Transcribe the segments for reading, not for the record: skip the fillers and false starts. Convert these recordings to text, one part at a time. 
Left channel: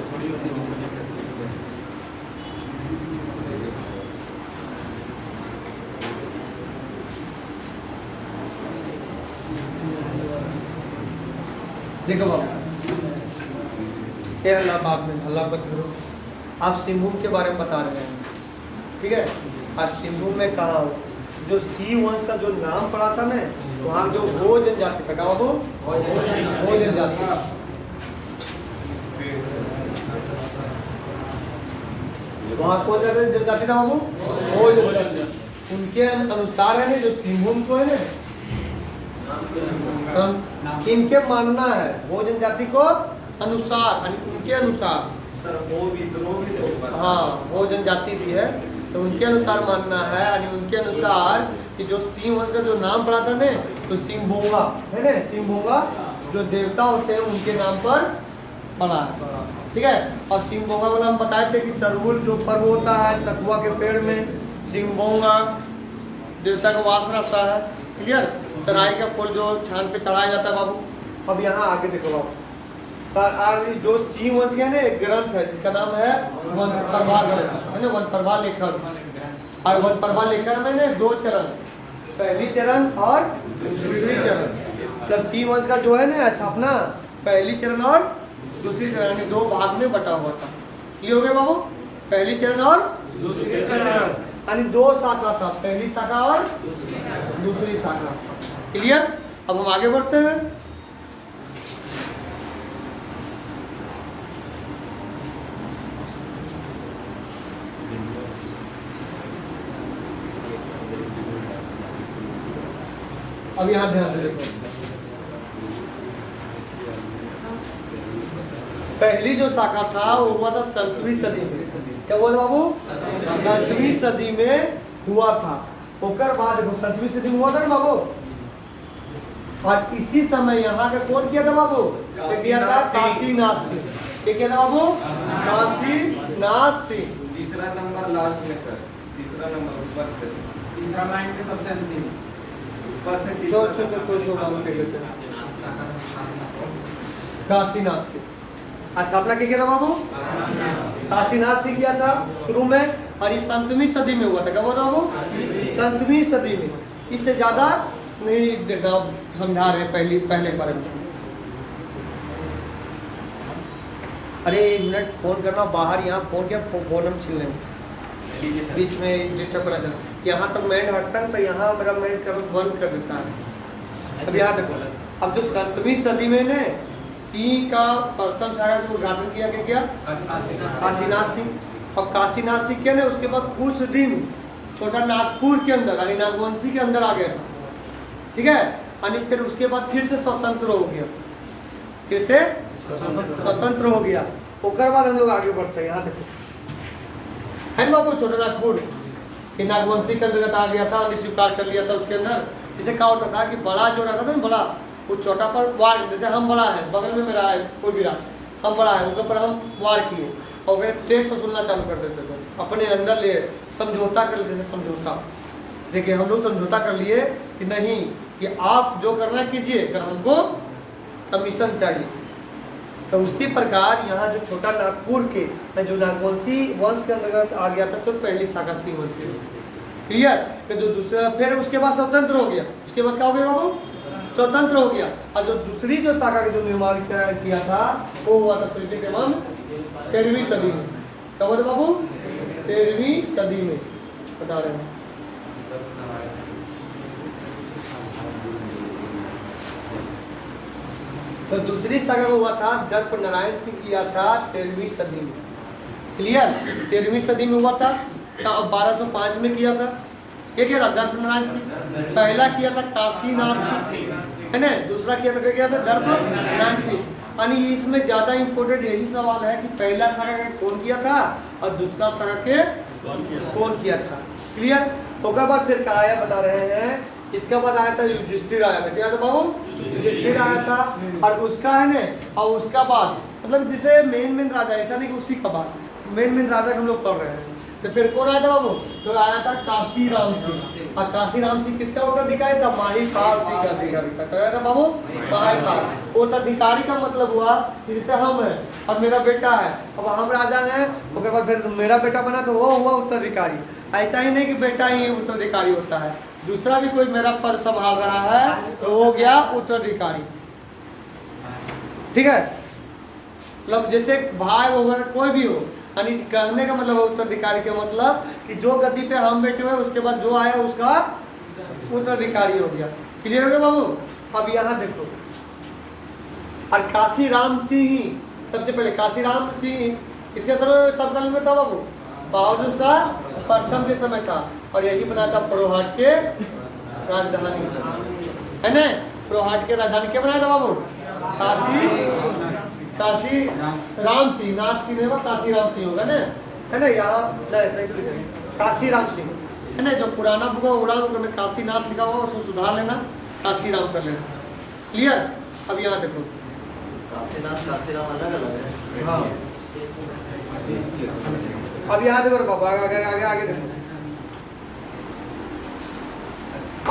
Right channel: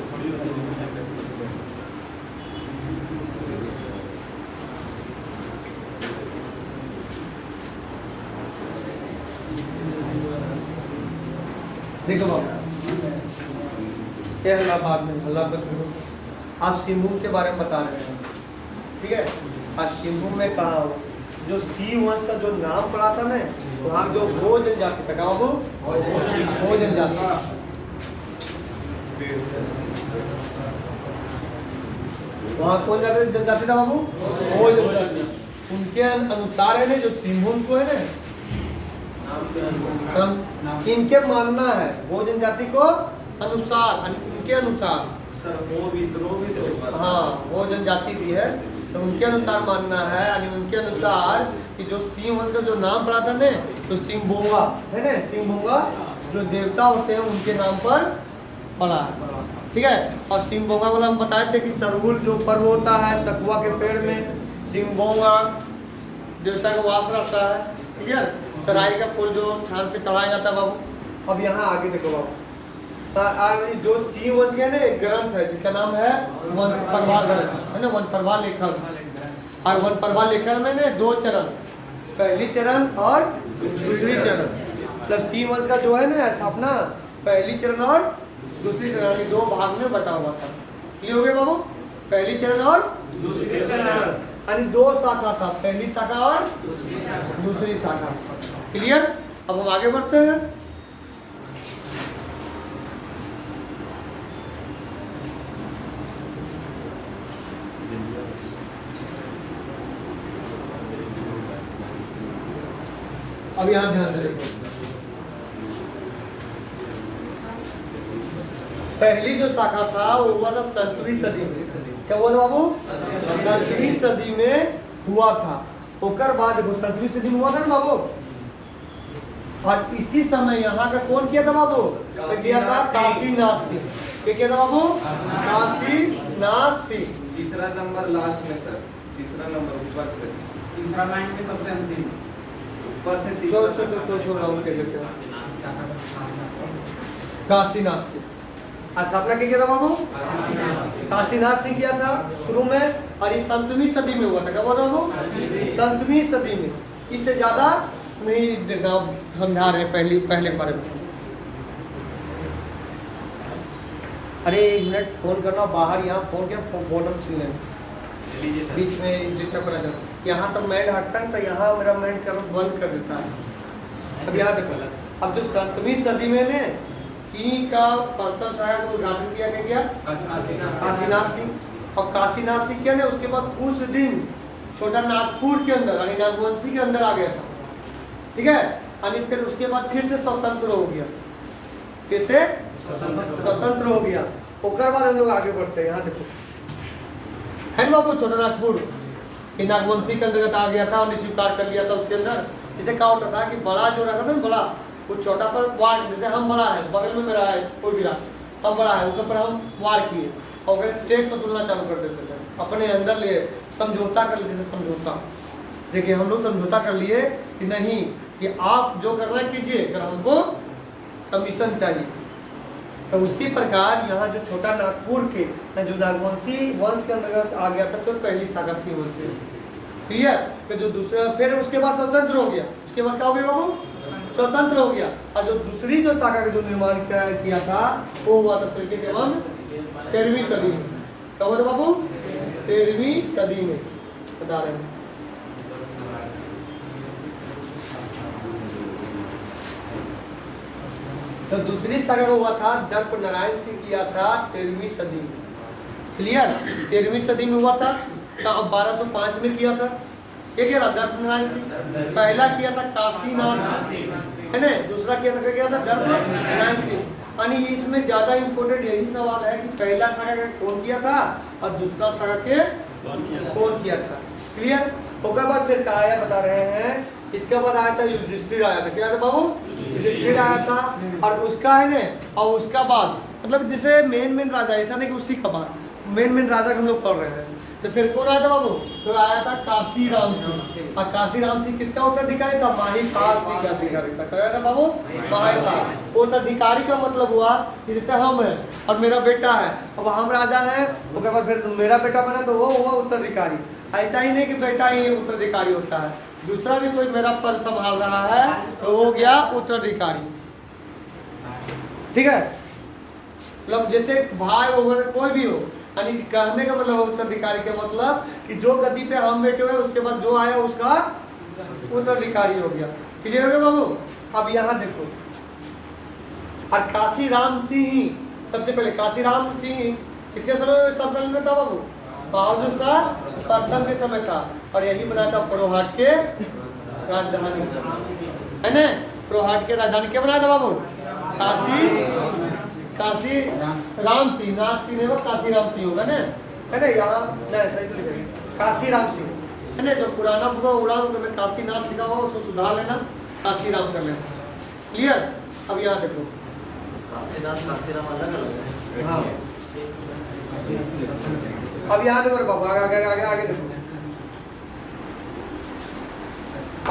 देखो बाबू, अल्लाह आप सिंहभूम के बारे में बता रहे हैं, ठीक है। आज सिंहभूम में कहा हो जो सी वंश का जो नाम पड़ा था ना, वहाँ जो हो जनजाति था, क्या हो जनजाति, वहाँ कौन जनजाति था बाबू? हो जनजाति। उनके अनुसार है ना जो सिंहभूम को है ना, इनके मानना है वो जनजाति को अनुसार, इनके अनुसार सर वो विद्रोह भी तो हाँ वो जनजाति भी है, तो उनके अनुसार मानना है, यानी उनके अनुसार कि जो सिंह वंश का जो नाम पड़ा था ना, तो सिंहभोगा है ना, सिंहभोगा जो देवता होते हैं उनके नाम पर पड़ा है, ठीक है। और सिंहभोगा वाला हम बताए थे कि सरहुल जो पर्व होता है सखुआ के पेड़ में, सिंहभोगा देवता का वास रहता है, क्लियर। सराय का फूल जो छान पे चढ़ाया जाता है बाबू। अब यहाँ आगे देखो बाबू, जो सिंह वंश का है ना एक ग्रंथ है जिसका नाम है वंशप्रभा ग्रंथ, है ना, वंशप्रभा लेखन। और वंशप्रभा लेखन में ना 2 चरण, पहली चरण और दूसरी चरण, मतलब सिंह वंश का जो है ना स्थापना पहली चरण और दूसरी चरण, यानी 2 भाग में बटा हुआ था। क्लियर हो गया बाबू? पहली चरण और दूसरी चरण, यानी 2 शाखा था, पहली शाखा और दूसरी शाखा। क्लियर। अब हम आगे बढ़ते हैं। अब यहाँ ध्यान से देखो, पहली जो शाखा था वो हुआ था 7वीं सदी में। क्या हुआ था बाबू? 7वीं सदी में हुआ था। होकर बाद देखो 7वीं सदी में हुआ था ना बाबू। और इसी समय यहाँ का कौन किया था बाबू? किया था काशीनाथ सिंह। क्या किया था बाबू? काशीनाथ सिंह। तीसरा नंबर लास्ट में सर, तीसरा नंबर ऊपर से, तीसरा लाइन में सबसे अंतिम ऊपर से काशीनाथ सिंह स्थापना किया था बाबू? काशीनाथ सिंह किया था शुरू में, और ये 7वीं सदी में हुआ था। क्या बोल रहा हूँ? 7वीं सदी में। इससे ज्यादा नहीं समझा रहे पहले बारे में। अरे 1 मिनट फोन करना बाहर, यहाँ फोन किया बॉटम छीन लेंगे बीच में डिस्टर्ब करा जाए। यहाँ तो मैंड हटता है तो यहाँ मेरा मैंड बंद कर देता है। अब याद रखो, अब जो 7वीं सदी में ने सिंह का प्रथम शायद को उद्घाटन किया गया काशीनाथ सिंह। और काशीनाथ सिंह के ने उसके बाद कुछ दिन छोटा नागपुर के अंदर यानी नागवंशी के अंदर आ गया था, ठीक है। यानी फिर उसके बाद फिर से स्वतंत्र हो गया, फिर से स्वतंत्र हो गया। उसके बाद हम लोग आगे बढ़ते हैं। यहाँ देखो है ना बाबू, छोटा नागपुर कि नागवंशी के अंतर्गत आ गया था और स्वीकार कर लिया था उसके अंदर। जैसे क्या होता था कि बड़ा जो रहता था ना, बड़ा वो छोटा पर वार, जैसे हम बड़ा है बगल में मेरा है कोई भी रहा, हम बड़ा है उसके ऊपर हम वार किए और टैक्स वसूलना चालू कर देते थे, अपने अंदर ले समझौता कर लेते थे। समझौता जैसे कि हम लोग समझौता कर लिए कि नहीं कि आप जो करना कीजिए, अगर हमको कमीशन चाहिए। तो उसी प्रकार यहाँ जो छोटा नागपुर के जो नागवंशी वंश के अंतर्गत आ गया था, तो पहली शाखा सिंह वंश। क्लियर। तो जो दूसरा फिर उसके बाद स्वतंत्र हो गया, उसके बाद क्या हो गया बाबू? स्वतंत्र हो गया। और जो दूसरी जो शाखा का जो निर्माण किया था वो हुआ था पहले एवं 13वीं सदी में। क्या बोले बाबू? 13वीं सदी में बता रहे हैं। तो दूसरी शाखा को हुआ था दर्प नारायण सिंह किया था 13वीं सदी में। क्लियर। 13वीं सदी में हुआ था। तो 1205 में किया था। क्या किया था? दर्प नारायण सिंह। पहला किया था काशीनाथ सिंह, है ना। दूसरा किया था दर्प नारायण सिंह। यानी इसमें ज्यादा इम्पोर्टेंट यही सवाल है कि पहला शाखा का कौन किया था और दूसरा शाखा के कौन किया था। क्लियर। उसके बाद फिर कहा आया बता रहे हैं, इसके बाद आया था युधिष्ठिर आया था। क्या था बाबू? युधिष्ठिर आया था। और उसका है ना, और उसका बाद मतलब जैसे मेन राजा, ऐसा नहीं कि उसी का बाद मेन राजा हम लोग पढ़ रहे हैं। तो फिर कौन आया था बाबू? तो आया था काशीराम सिंह। और काशीराम सिंह किसका उत्तराधिकारी था? माहीपाल सिंह का उत्तराधिकारी। क्या था बाबू? माहीपाल। उत्तराधिकारी का मतलब हुआ कि जैसे हम है और मेरा बेटा है, अब हम राजा हैं, उसके बाद फिर मेरा बेटा बना तो वो हुआ उत्तराधिकारी। ऐसा ही नहीं कि बेटा ही उत्तराधिकारी होता है, दूसरा भी कोई मेरा पद संभाल रहा है तो हो गया उत्तराधिकारी। ठीक है, मतलब जैसे भाई वगैरह कोई भी हो, यानी कहने का मतलब उत्तराधिकारी के मतलब कि जो गद्दी पे हम बैठे हुए उसके बाद जो आया उसका उत्तराधिकारी हो गया। क्लियर हो गया बाबू? अब यहाँ देखो, और काशीराम सिंह ही सबसे पहले, काशीराम सिंह किसके समय सरकार में था बाबू? बहादुर शाह प्रथम के समय था, और यही बनाया था प्रोहाट के राजधानी, है ना? प्रोहाट के राजधानी क्या बनाया था बाबू? काशी राम सिंह, नाथ सिंह होगा, काशीराम सिंह होगा ना, है ना? यहाँ सही काशीराम सिंह, है ना? जो पुराना बुक उड़ा में काशीनाथ लिखा हुआ उसको सुधार लेना, काशीराम कर लेना। क्लियर? अब यहाँ देखो, काशीनाथ काशीराम अलग अलग है। हाँ, अब यहाँ देखो बाबा, आगे आगे आगे देखो।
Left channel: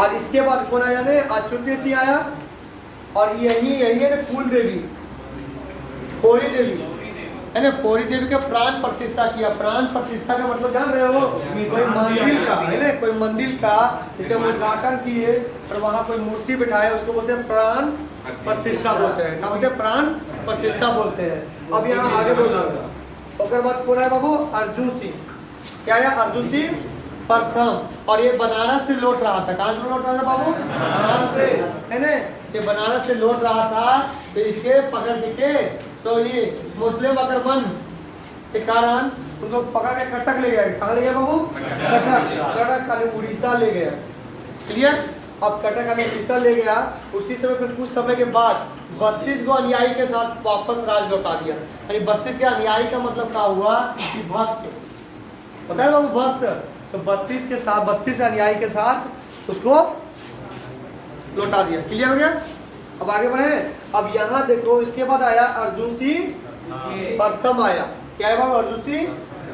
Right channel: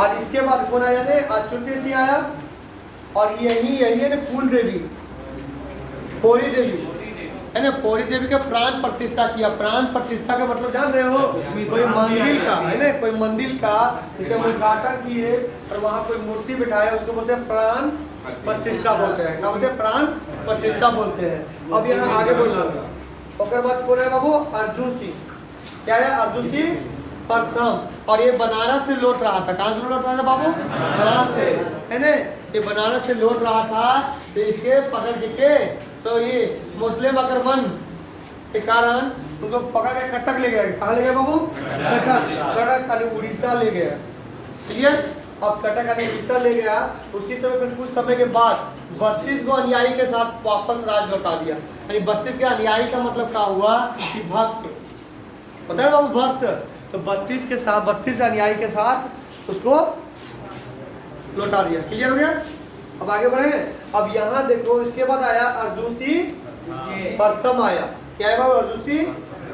आज इसके बाद कौन आया ने? आज चुंडेसी आया, और यही है ना कुल देवी, पौरी देवी, है ना? पौरी देवी का प्राण प्रतिष्ठा किया। प्राण प्रतिष्ठा का मतलब जान रहे हो? कोई मंदिर का, है ना? कोई मंदिर का जब उद्घाटन किए और वहाँ कोई मूर्ति बिठाया उसको बोलते हैं प्राण प्रतिष्ठा बोलते हैं। क्या बोलते हैं? प्राण प्रतिष्ठा बोलते हैं। अब यहाँ आगे बोलना, उसके बाद कौन है बाबू? अर्जुन सिंह। क्या है? अर्जुन सिंह प्रथम, और ये बनारस से लौट रहा था। कहाँ से लौट रहा था बाबू? बनारस से, है ना? ये बनारस से लौट रहा था, तो इसके पकड़ के तो ये मुस्लिम आक्रमण के कारण उनको पकड़ के कटक ले गया। कहाँ ले गया बाबू? कटक यानी उड़ीसा ले गया। क्लियर? अब कटक यानी उड़ीसा ले गया। उसी समय कुछ समय के बाद 32 गो अनुयायी के साथ वापस राज लौटा दिया। यानी 32 के अनुयायी का मतलब क्या हुआ कि भक्त, पता है बाबू? भक्त। तो 32 के साथ 32 अनुयायी के साथ उसको लौटा दिया। क्लियर हो गया? अब आगे बढ़े। अब यहाँ देखो, इसके बाद आया अर्जुन सिंह प्रथम आया। क्या है बाबू? अर्जुन सिंह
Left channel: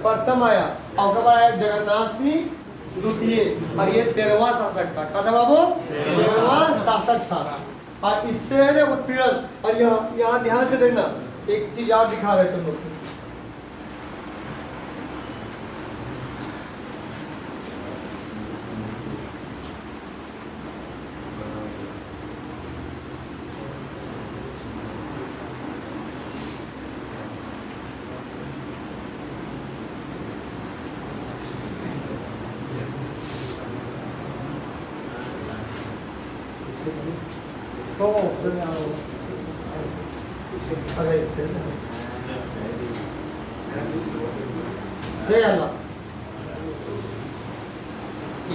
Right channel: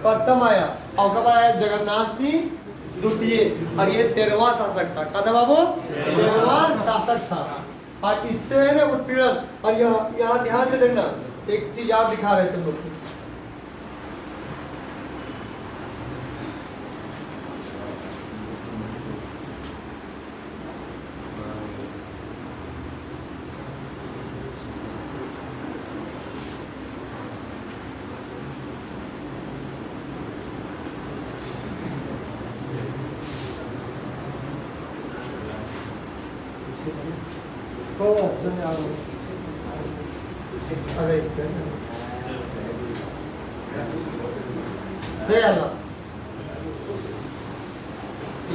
प्रथम आया, और कब आया? जगन्नाथ सिंह द्वितीय, और ये 13वां शासक था। क्या था बाबू? 13वां शासक था। और इससे है ना उत्पीड़न। और यहाँ ध्यान से देना, एक चीज और दिखा रहे थे लोग, तो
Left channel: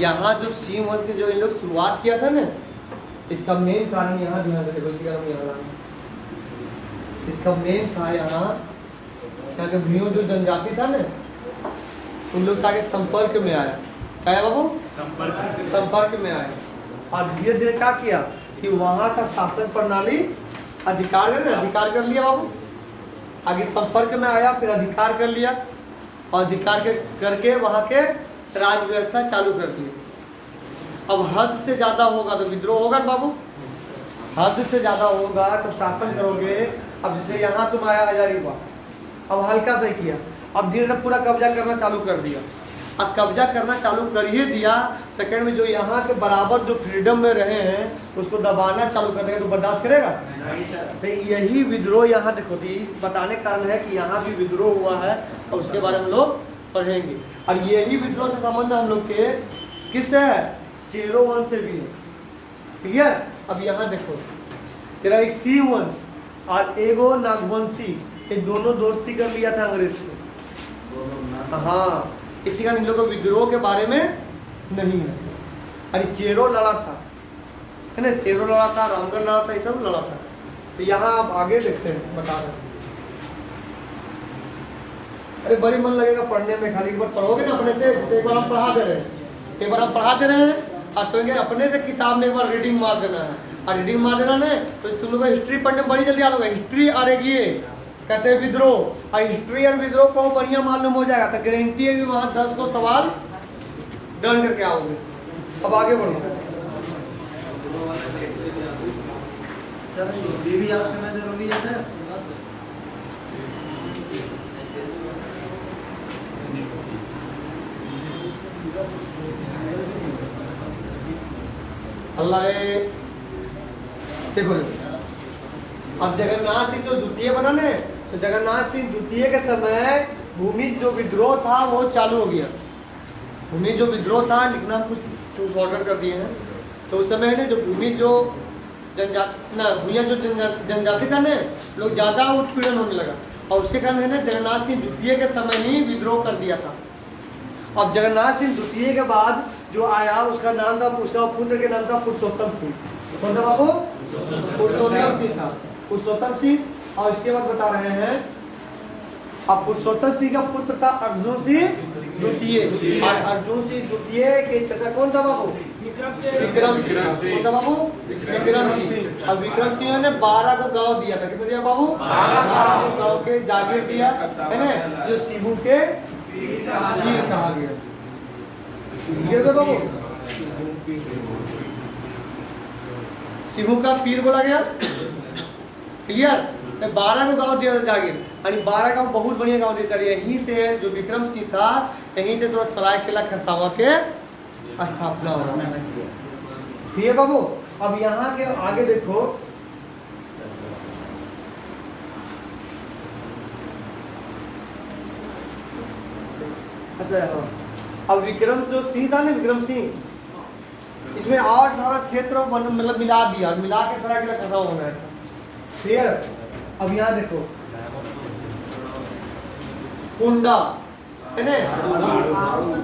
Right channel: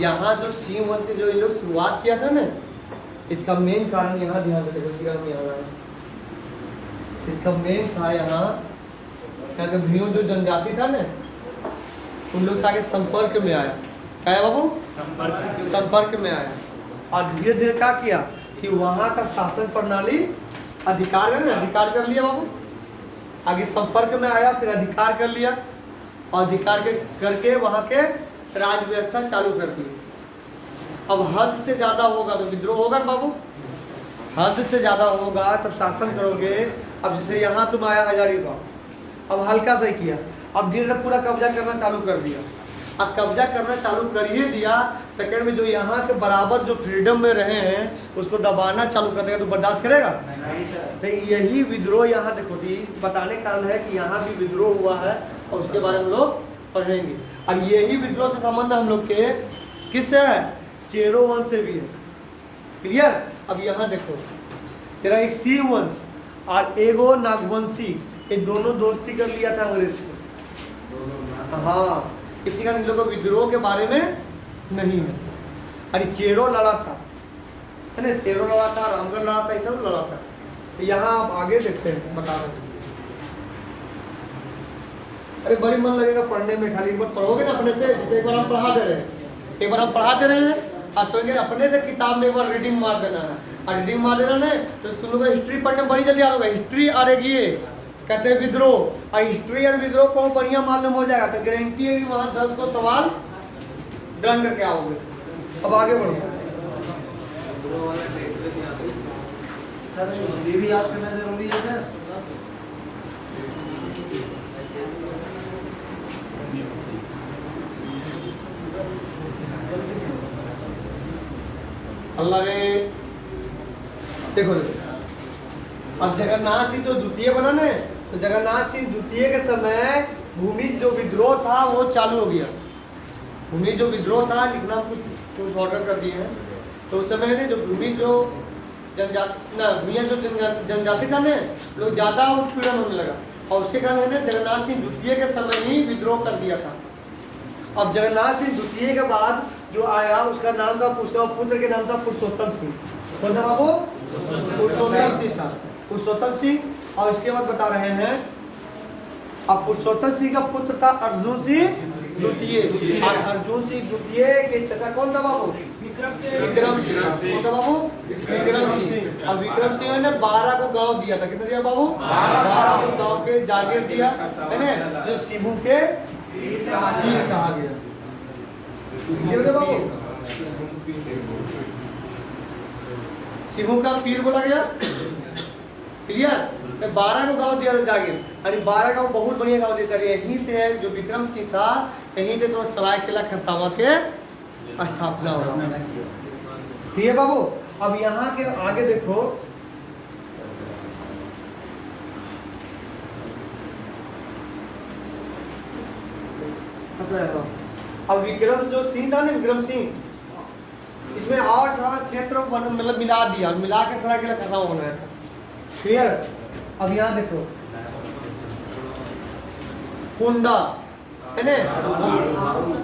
यहाँ जो सिंह वंश के जो इन लोग शुरुआत किया था ना, इसका मेन कारण यहाँ ध्यान से देखो, इसका मेन था यहाँ क्या कि भीम जो जनजाति था ना, उन लोग सारे संपर्क में आया। क्या है बाबू? संपर्क में आया, और धीरे धीरे क्या किया कि वहाँ का शासन प्रणाली अधिकार है ना, अधिकार कर लिया बाबू। आगे संपर्क में आया, फिर अधिकार कर लिया, और अधिकार करके वहाँ के राज व्यवस्था चालू कर दी। अब हद से ज्यादा होगा तो विद्रोह होगा ना बाबू, हद से ज्यादा होगा तो शासन करोगे। अब जैसे यहाँ तुम आया हजारीबाग, अब हल्का सा ही किया, अब धीरे धीरे पूरा कब्जा करना चालू कर दिया। अब कब्जा करना चालू कर ही दिया, सेकंड में जो यहाँ के बराबर जो फ्रीडम में रहे हैं उसको दबाना चालू कर देगा, तो बर्दाश्त करेगा? तो यही विद्रोह यहाँ देखो, बताने का कारण है कि यहाँ भी विद्रोह हुआ है, और उसके बारे में लोग पढ़ेंगे। और यही विद्रोह से संबंध हम लोग के किससे है? चेरो वंश से भी है। क्लियर? अब यहाँ देखो, तेरा एक सिंह वंश और एगो नागवंशी, ये दोनों दोस्ती कर लिया था अंग्रेज से। हाँ, किसी का इन लोगों को विद्रोह के बारे में नहीं है। अरे चेरो लड़ा था, है ना? चेरो लड़ा था, रामगढ़ लड़ा था, ये सब लड़ा था। तो यहाँ आप आगे देखते हैं, बता रहे हैं। अरे बड़ी मन लगेगा पढ़ने में, खाली एक बार पढ़ोगे ना अपने से, जैसे एक बार हम पढ़ा दे रहे हैं, एक बार हम पढ़ा दे रहे हैं, और तो अपने से किताब में एक बार रीडिंग मार देना है, और रीडिंग मार देना है तो तुम लोग हिस्ट्री पढ़ने में बड़ी जल्दी आ जाएगा। हिस्ट्री और एक ये कहते हैं विद्रोह, और हिस्ट्री और विद्रोह को बढ़िया मालूम हो जाएगा तो गारंटी है कि वहाँ 10 को सवाल डन करके आओगे। अब आगे बढ़ो। सर हिस्ट्री भी याद करना जरूरी है सर? अल्लाह ने देखो अब जगन्नाथ सिंह जो द्वितीय बना ने, तो जगन्नाथ सिंह द्वितीय के समय भूमि जो विद्रोह था वो चालू हो गया। भूमि जो विद्रोह था लिखना कुछ ऑर्डर कर दिए हैं, तो उस समय ने जो भूमि जो जनजाति ना भूमिया जो जनजाति था ने लोग ज़्यादा उत्पीड़न होने लगा, और उसके कारण है ना जगन्नाथ सिंह द्वितीय के समय ही विद्रोह कर दिया था। अब जगन्नाथ सिंह द्वितीय के बाद जो आया उसका नाम था, उसका पुत्र के नाम था पुरुषोत्तम सिंह। कौन था बाबू? पुरुषोत्तम सिंह था, पुरुषोत्तम सिंह। और इसके बाद बता रहे हैं अब पुरुषोत्तम सिंह का पुत्र था अर्जुन सिंह द्वितीय, और अर्जुन सिंह द्वितीय के चाचा कौन था बाबू? विक्रम सिंह। कौन था बाबू? विक्रम सिंह। और विक्रम सिंह ने 12 को गांव दिया था। कितना दिया बाबू? 12 को गांव के जागीर दिया है ना, जो शिबू के पीर कहा गया। क्लियर है बाबू? शिबू का पीर बोला गया। क्लियर? 12 को गांव दिया था जागीर, और 12 गांव बहुत बढ़िया गांव देता है। यहीं से जो विक्रम सिंह था यहीं से तो सरायकेला खरसावां के स्थापना हो। ठीक है बाबू? अब यहाँ के आगे देखो, अब विक्रम जो सिंह था ना, विक्रम सिंह इसमें और सारा क्षेत्र मतलब मिला दिया, मिला के सरायकेला खरसावां होना है। क्लियर? अब यहाँ देखो कुंडा है ना,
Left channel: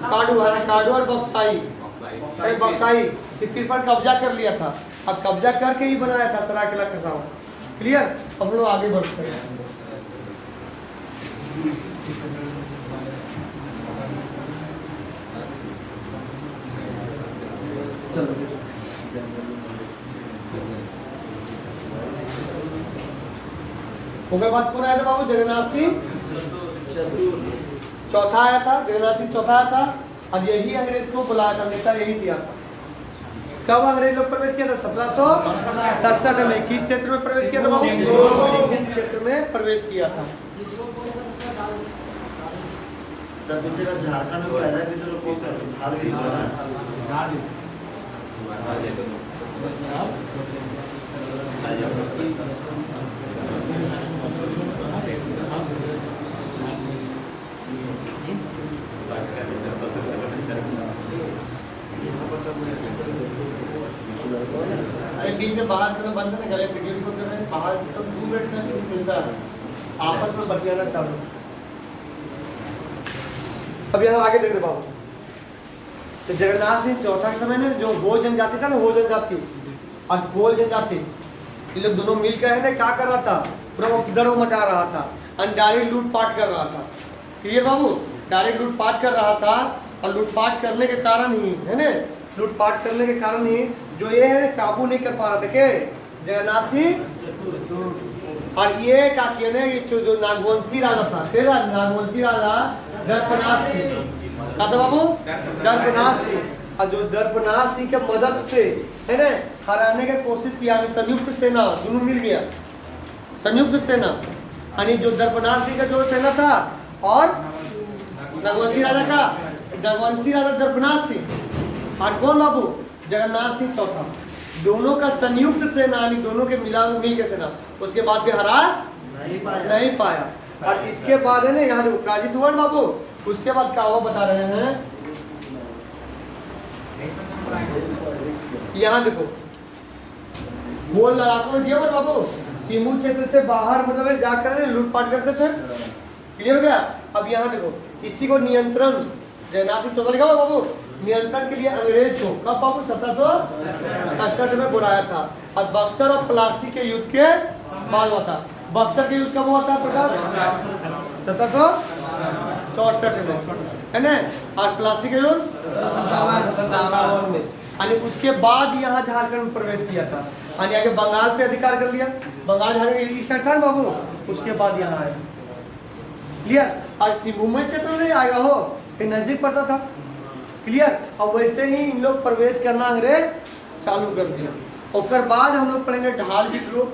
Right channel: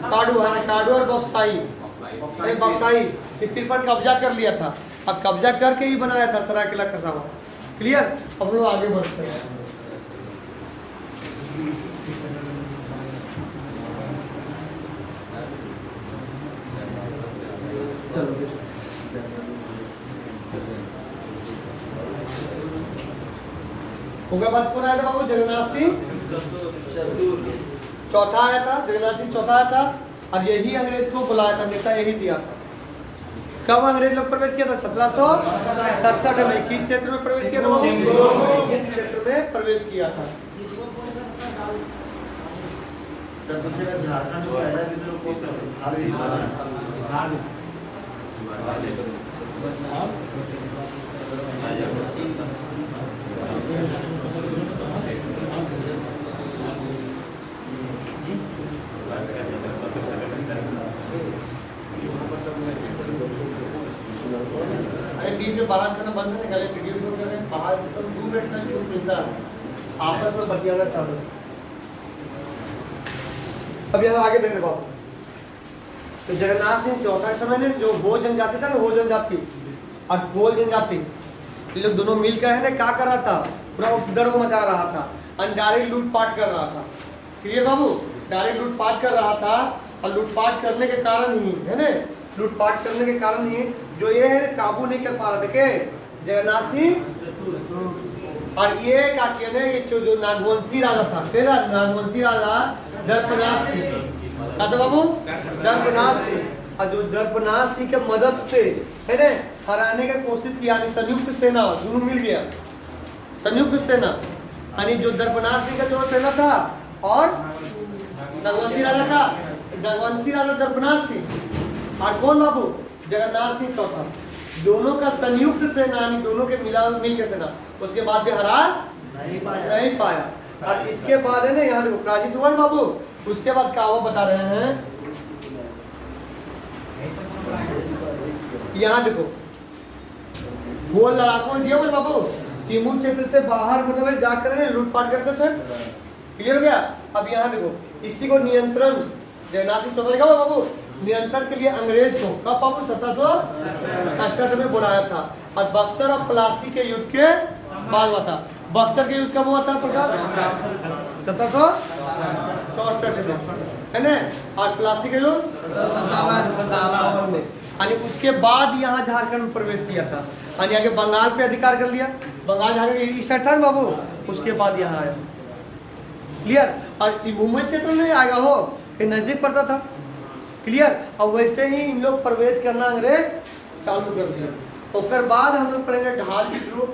काडू है, काडू और बक्साई, बक्साई इस पर कब्जा कर लिया था। अब कब्जा करके ही बनाया था सरायकेला खरसावां। क्लियर? अब लोग आगे बढ़ते हैं। चलो उसके बाद कौन आया था बाबू? जगन्नाथ सिंह चौथा आया था। जगन्नाथ सिंह चौथा आया था, और यही अंग्रेज को बुलाया था, नेता यही दिया था। कब अंग्रेज लोग प्रवेश किया था? 1767 में। किस क्षेत्र में प्रवेश किया था बाबू? क्षेत्र में प्रवेश किया था। सर कुछ झारखंड में पहला विद्रोह कौन सा? बीच में बाहर से बंद करने निकाले वीडियो को बाहर तो 2 मिनट में छूट मिलता है, आपस में बतियाना चालू। अब यहाँ आगे देख रहे बाबू, तो जगन्नाथ सिंह चौथा के समय में जो गो जनजाति था ना, वो जनजाति और गोल जनजाति ये लोग दोनों मिलकर है ना क्या कर रहा था? पूरा उधर मचा रहा था, अनजानी लूटपाट कर रहा था। क्लियर बाबू? डायरेक्ट लूटपाट कर रहा था, और लूटपाट करने के कारण ही है ना, लूटपाट करने के कारण ही जो ये है काबू नहीं कर पा रहा। देखे जगन्नाथ सिंह, और ये क्या किया ना, ये जो नागवंशी राजा था, तेरा नागवंशी राजा दर्पनाथ सिंह था बाबू, दर्पनाथ सिंह, और जो दर्पनाथ सिंह के मदद से है ना हराने की कोशिश किया। संयुक्त सेना दोनों मिल गया, संयुक्त सेना, यानी जो दर्पनाथ सिंह का जो सेना था और नागवंशी राजा का, नागवंशी राजा दर्पनाथ सिंह और कौन बाबू? जगन्नाथ सिंह चौथा, दोनों का संयुक्त सेना, यानी दोनों के मिल के सेना, उसके बाद भी हरा नहीं पाया। और इसके बाद है ना यहाँ देखो पराजित हुआ बाबू। उसके बाद क्या हुआ बता रहे हैं, यहाँ देखो वो लड़ाकों ने दिया बाबू, सीमू क्षेत्र से बाहर मतलब जाकर लूटपाट करते थे। क्लियर हो गया? अब यहाँ देखो इसी को नियंत्रण जगन्नाथ सिंह चौथा लिखा हुआ बाबू, नियंत्रण के लिए अंग्रेज को कब बाबू 1768 में बुलाया था, और बक्सर और प्लासी के युद्ध के बाद हुआ था। बक्सर के युद्ध कब हुआ था? 1764 में है ना, और प्लासी के युद्ध 1757 में, यानी उसके बाद यहाँ झारखंड में प्रवेश किया था, यानी आगे बंगाल पे अधिकार कर लिया। बंगाल झारखंड इस साइड था ना बाबू, उसके बाद यहाँ आया। क्लियर? और मुंबई क्षेत्र में आएगा हो, ये नजदीक पड़ता था। क्लियर? और वैसे ही इन लोग प्रवेश करना अंग्रेज चालू कर दिया। उसके बाद हम लोग पढ़ेंगे ढाल विद्रोह,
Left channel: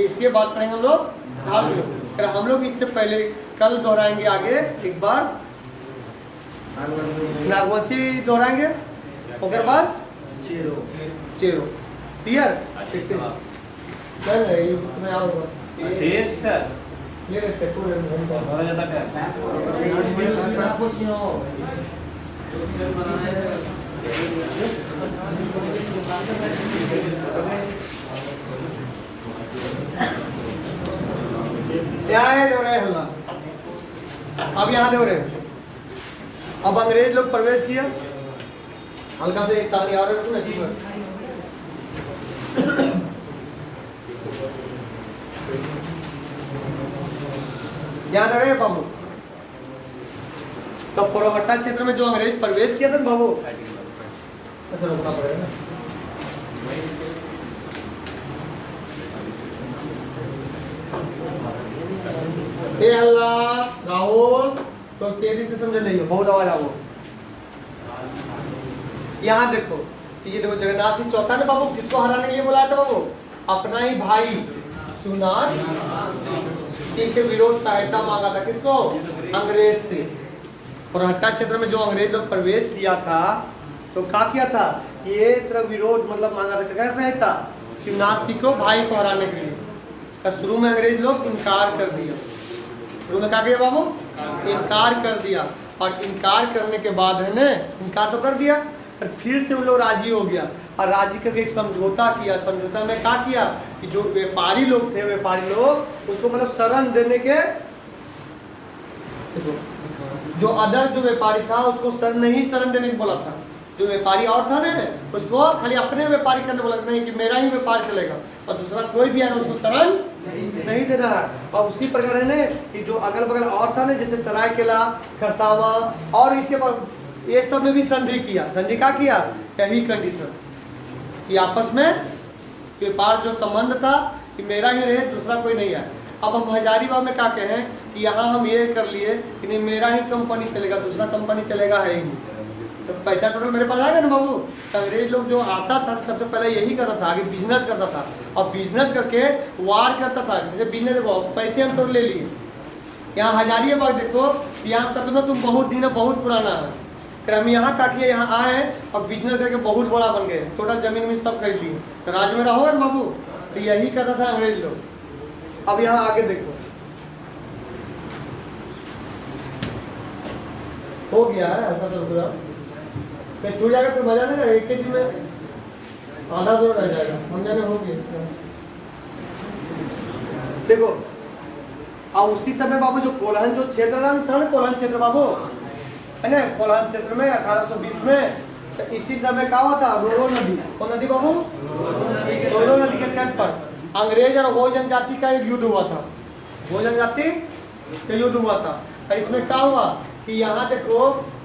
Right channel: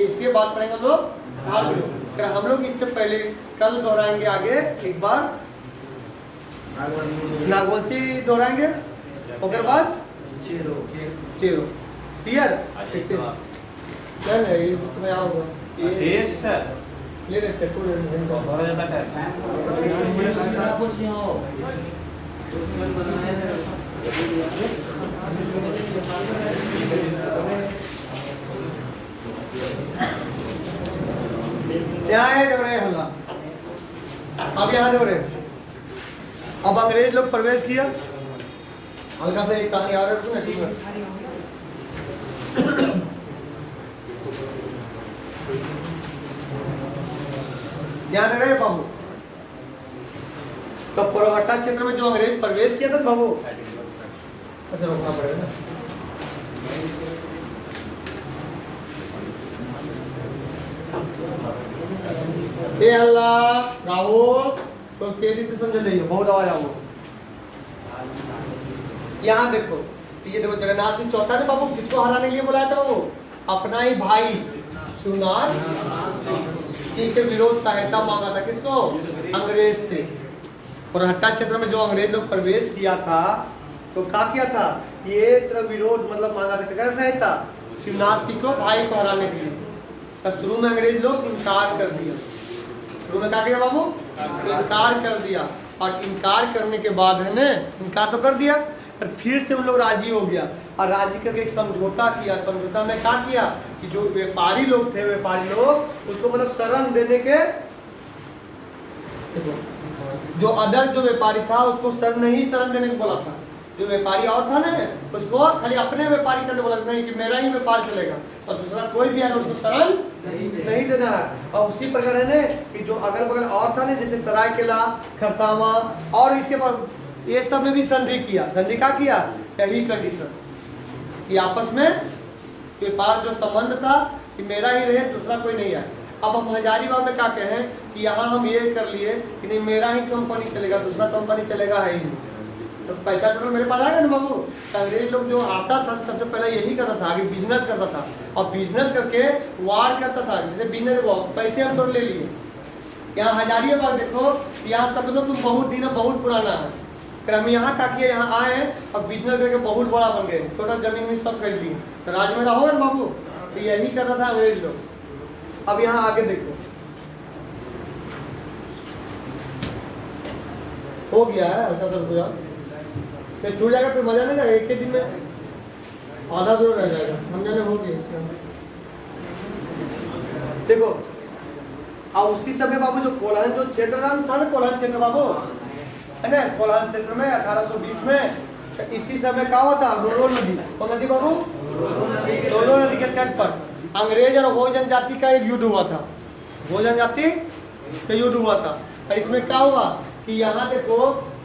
इसके बाद पढ़ेंगे हम लोग ढाल विद्रोह। फिर हम लोग इससे पहले कल दोहराएंगे आगे एक बार नागवंशी दोहराएंगे, उसके बाद चेरो। क्लियर? चल तुम्हें आओगे सर ले लेते बहुत ज़्यादा यहाँ है दो रहे हल्ला, अब यहाँ दो रहे। अब अंग्रेज लोग प्रवेश किया, हल्का से एक कहानी आ रही है याद रहे बाबू। तो पुरवट्टा क्षेत्र में जो अंग्रेज प्रवेश किया था बाबू, अच्छा रोकना पड़ेगा। ए अल्लाह राहुल तो तेजी से समझ लीजिए, बहुत आवाज आओ। यहाँ देखो, ये देखो जगन्नाथ सिंह चौथा ने बाबू जिसको हराने के लिए बुलाया था वो अपना ही भाई शिवनाथ सिंह के विरोध सहायता मांगा था। किसको? अंग्रेज से। पुरहट्टा क्षेत्र में जो अंग्रेज लोग प्रवेश किया था तो क्या किया था, ये तरह विरोध मतलब मांगा था, कैसे सहायता? शिवनाथ सिंह को भाई को हराने के लिए। तो शुरू में अंग्रेज लोग इनकार कर दिया। शुरू में क्या किया बाबू? इनकार कर दिया। और इनकार करने के बाद है ना, इनकार तो कर दिया, और फिर से उन लोग राजी हो गया और राजी करके एक समझौता किया। समझौता में क्या किया कि जो व्यापारी लोग थे, व्यापारी लोग उसको मतलब शरण देने के, देखो जो अदर जो व्यापारी था उसको शरण नहीं शरण देने को बोला था। जो व्यापारी और था ना उसको खाली अपने व्यापारी करने बोला नहीं कि मेरा ही व्यापार चलेगा और दूसरा कोई भी आएगा उसको शरण नहीं देना है। और उसी प्रकार है ना कि जो अगल बगल और था ना, जैसे सरायकेला, खरसावा और इसके बाद ये सब में भी संधि किया। संधि क्या किया? यही कंडीशन कि आपस में व्यापार जो संबंध था कि मेरा ही रहे, दूसरा कोई नहीं है। अब हम हजारीबाग में क्या कहें कि यहाँ हम ये कर लिए कि नहीं मेरा ही कंपनी चलेगा, दूसरा कंपनी चलेगा है ही नहीं, तो पैसा टोटल मेरे पास आएगा ना बाबू। अंग्रेज लोग जो आता था सबसे पहले यही करता था, आगे बिजनेस करता था और बिजनेस करके वार करता था। जैसे बिजनेस पैसे हम टोटल ले लिए। यहाँ हजारीबाग देखो, यहाँ का तुम बहुत दिन है, बहुत पुराना है। फिर हम यहाँ ताकि यहाँ आए और बिजनेस करके बहुत बड़ा बन गए, टोटल जमीन में सब खरीद लिए, तो राज में रहोगे ना बाबू। तो यही करता था अंग्रेज लोग। अब यहाँ आगे देखो, हो गया है हल्का सा रुक जाओ, फिर छूट जाएगा, फिर बजा लेगा एक के दिन में आधा दूर रह जाएगा, हम जाने हो गया। देखो और उसी समय बाबू जो कोल्हन जो क्षेत्र था ना, कोल्हन क्षेत्र बाबू है ना, कोल्हन क्षेत्र में 1820 में तो इसी समय क्या हुआ था, रोरो नदी, कौन नदी बाबू? रोरो नदी के तट पर अंग्रेज और हो जनजाति का एक युद्ध हुआ था। हो जनजाति का युद्ध हुआ था और इसमें क्या हुआ कि यहाँ देखो,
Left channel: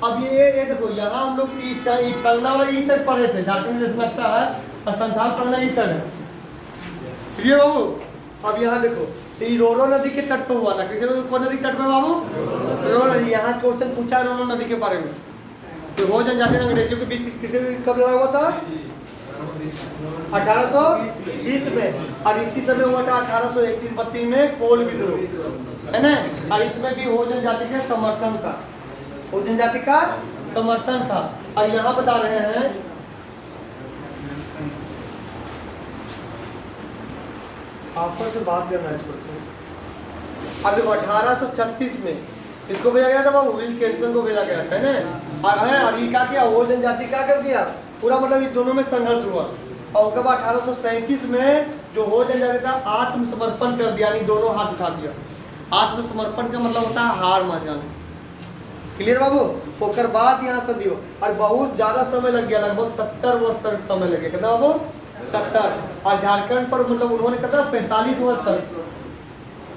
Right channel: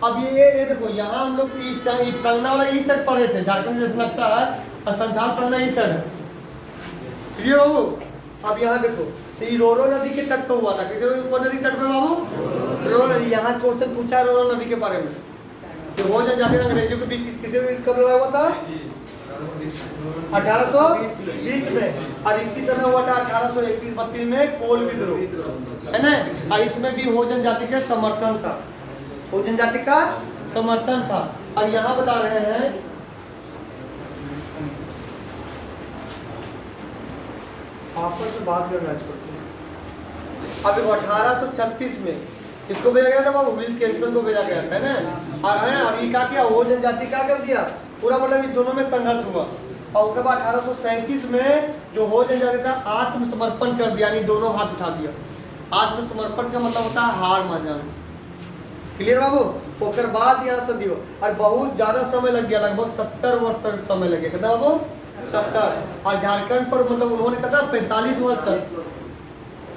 अब ये देखो यहाँ हम लोग कंगना वाला इस साइड पढ़े थे, झारखंड जैसे लगता है, और संथाल पढ़ना इस साइड है। क्लियर बाबू? अब यहाँ देखो ये रोरो नदी के तट पर हुआ था। किसी कौन नदी तट पे बाबू? रोरो नदी। यहाँ क्वेश्चन पूछा है रोरो नदी के बारे में कि हो जनजाति अंग्रेजों के बीच किसी कब लड़ा हुआ था? 1820 में। और इसी समय हुआ था 1831-32 में कोल विद्रोह, है ना। और इसमें भी हो जनजाति के समर्थन था, हो जनजाति का समर्थन था। और यहाँ बता रहे हैं आपस में बात करना है। अब 1836 में इसको भेजा गया था बाबू, विल्स कैरिसन को भेजा गया था ना। और है और ये क्या किया, हो जनजाति क्या कर दिया पूरा, मतलब इन दोनों में संघर्ष हुआ। और उसके बाद 1837 में जो हो जनजाति था आत्मसमर्पण कर दिया, यानी दोनों हाथ उठा दिया। आत्मसमर्पण का मतलब होता है हार मान जाना। क्लियर बाबू? उसके बाद यहाँ संधि हो और बहुत ज्यादा समय लग गया, लगभग 70 वर्ष तक समय लगे। कितना बाबू? 70। और झारखंड पर मतलब उन्होंने कहता 45 वर्ष तक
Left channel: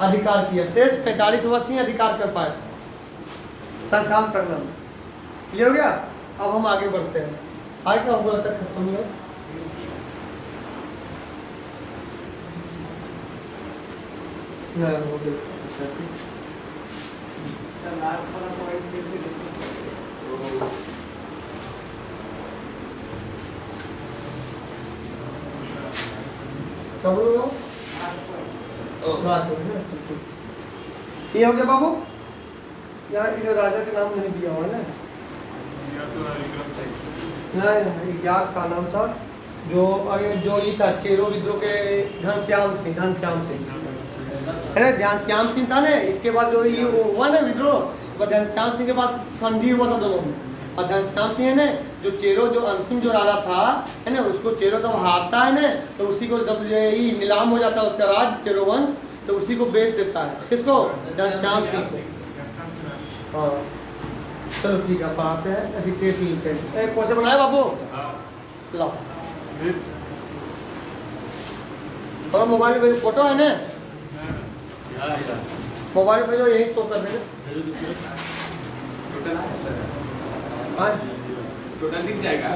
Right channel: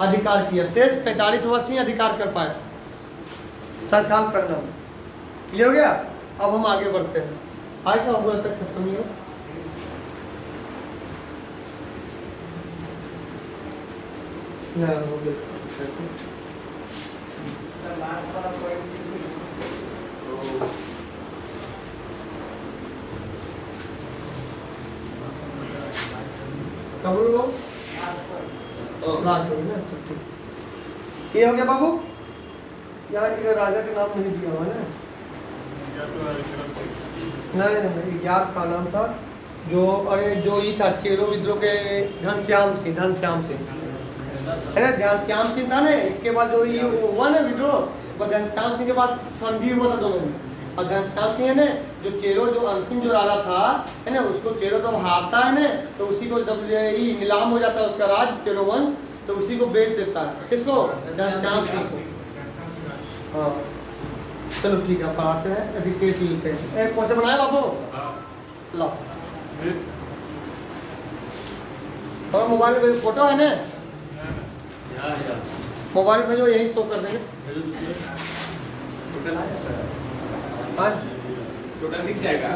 अधिकार किया, शेष 45 वर्ष ही अधिकार कर पाए संथाल करना। क्लियर हो गया? अब हम आगे बढ़ते हैं। आगे क्या होगा तक खत्म नहीं है। हाँ, वो बिल्कुल। कब लोग रात में ना? ये हो गया बाबू, यहाँ इधर राजा का नाम नहीं दिया हुआ ना? नहीं, याद का नाम था जो, अरे जो ये था चेरो विद्रोह के घनश्याम सिंह, अरे घनश्याम सिंह था ना, इसके बाद जो ये वो हुआ ना विद्रोह, वो घनश्याम सिंह के पास संधि हुआ था दोनों में। और घनश्याम सिंह है ना, जो चेरो जो अंतिम जो राजा था है ना, उसको चेरो जब हारता है ना, तो उसी को जब ये नीलाम हो जाता है उसका राज चेरो वंश, तो उसी को बेच देता है। किसको? घनश्याम सिंह को। हाँ चलो ठीक है, पढ़ाते हैं अभी केस लिखते हैं। एक क्वेश्चन बनाया बाबू, लाओ और मोबाइल में फोटो है ना, मोबाइल में जो यही शो कर देंगे। टोटल आया सर, हाँ टोटल दिख जाएगा।